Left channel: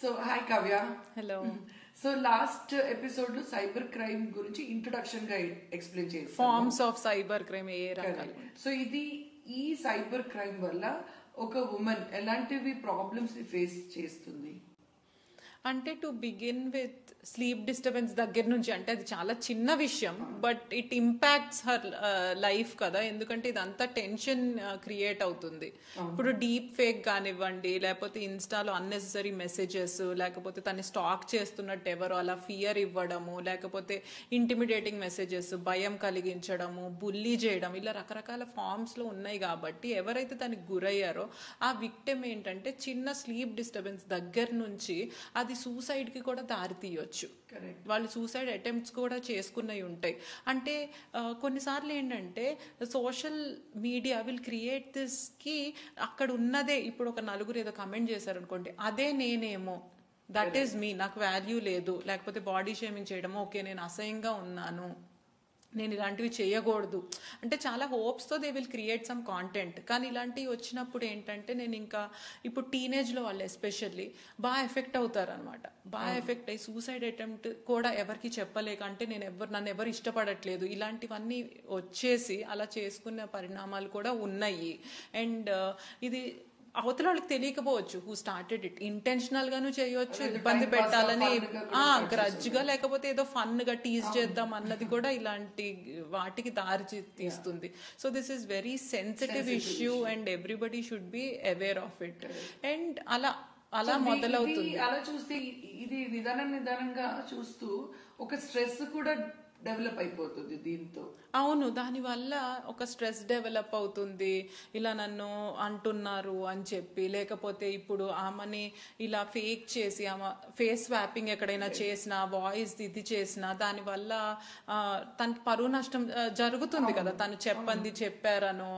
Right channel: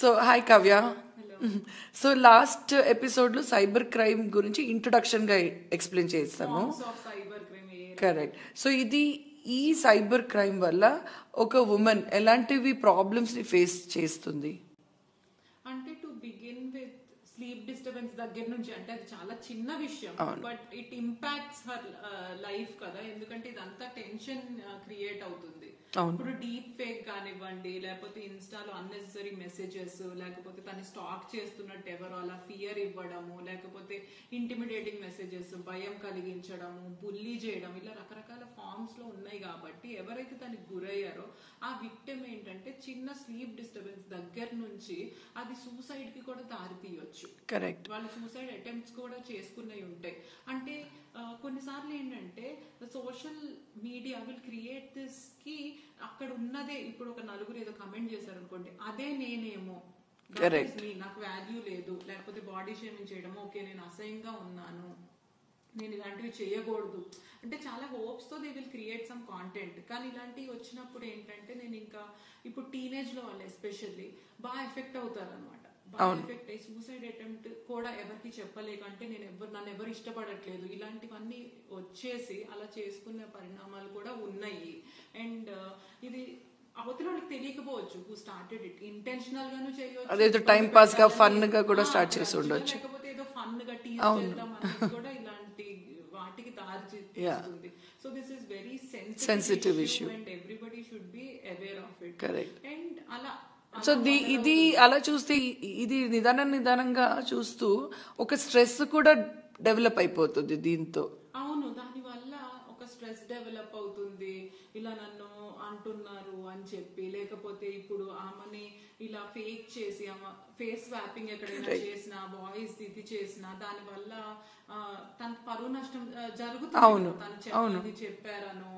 So hi Kavya. Hello. So last episode లో cyber crime గురించి introduction గా ఎక్స్ప్లెయిన్ చేస్తాము. Forms of cyber crime correct. So ఈ cyber crime వల్ల ఒక ఉమెన్ ఎలాంటివి ప్రాబ్లమ్స్ ని ఫేస్ చేస్తుంది? అంటే to begin with sleep disturbance దగ్గర నుంచి, అంటే అది చాలా చిన్న విషయం, but it impacts her life కదా. ఎందుకంటే ఇదంతా టెన్షన్ క్రియేట్ అవుతుంది. ఇప్పుడు డీప్ ఫేక్ కానివ్వండి, లేకపోతే ఇన్స్టాలో అన్నెసెసరీ మెసేజెస్, లేకపోతే తను స్టాక్ చేస్తున్నట్టు ఎవరో అలా ఫియర్ ఇవ్వడము, లేకపోతే ఇంటిమిడేటింగ్ మెసేజెస్, భయం కలిగించడము, బుల్లీ చేయడం, ఇలా రకరకాల ఫార్మ్స్ లో ఉన్నాయి. కాబట్టి ఎవరైతే దానికి గురయ్యారో ఆ విక్టిమ్ ఏంటంటే చిన్న స్లీప్ డిస్టర్బెన్స్ దగ్గర నుంచి అది సూసైడ్ కి కూడా దారి తీయొచ్చు. కరెక్ట్. వాళ్ళు సూసైడ్ అటెంప్ట్స్ కూడా చేసుకున్నవి ఉంటాయి. అంటే కొన్నిసార్లు ఏంటంటే social media will create this కి అక్కడ ఉన్నదే, ఇప్పుడు ఒక నలుగురు ఏదో కమెంట్ చేశారు అనుకోండి, అదే నేనేమో, దట్ ఈస్ మీ, నాకు వాల్యూ లేదు, లేకపోతే బాడీ షేమింగ్ చేయడము, ఓకే నేను అసహ్యంగా ఉన్నాను, నేను ఇలాంటివి చేయకూడదు అంటే చాలా హోప్స్తో they will create some content. కానీ ఇలాంటివి వచ్చినప్పుడు ఏంటంటే నేను ఇంకా ఇప్పుడు టీనేజ్లో వాళ్ళు ఎస్పెషల్లీ బాగా ఎఫెక్ట్ అవుతారు అనమాట. బాగా ఎఫెక్ట్ అయ్యి సూసైడ్ అటెంప్ట్ కూడా ఎవరికి చెప్పలేక, అంటే నన్ను ఎవరు ఇష్టపడట్లేదు, ఇలాంటివన్నీ వచ్చేసి అలా చేసుకునే పరిణామాలు కూడా ఉన్నాయి. అండ్ ఇది అవతల వాళ్ళకి తెలియకపోవచ్చు హూ స్టార్టెడ్ ఇట్. ఇంటెన్షనల్ గాను చేయొచ్చు, లేకపోతే ఏదో ఫన్ గా టీజ్ చేద్దాం అన్నది కూడా ఇలాంటి వాటికి దారి తీస్తుంది. So this is very sensitive issue and everybody should be aware of it. And ఇది అలా చూస్తే ఇది నిదానంగా చూస్తూ ఒక స్ట్రెస్ కూడా డెవలప్ అయిపోతుంది దీంతో. అవును, దానివల్ల ఒక స్ట్రెస్ డెవలప్ అవుతుంది. ఇలా నన్ను అంటున్నారు అని చెప్పి, లేకపోతే ఇప్పుడు ఆమెని ఇలా ఫేక్ చేసి ఆమె ఫేస్ స్వాపింగ్ ఎక్కడైనా చేసినా, వాయిస్ ఇది చేసినా, దానివల్ల తనకి పరువు నష్టం జరుగుతుంది కదా. తను చెప్పారనో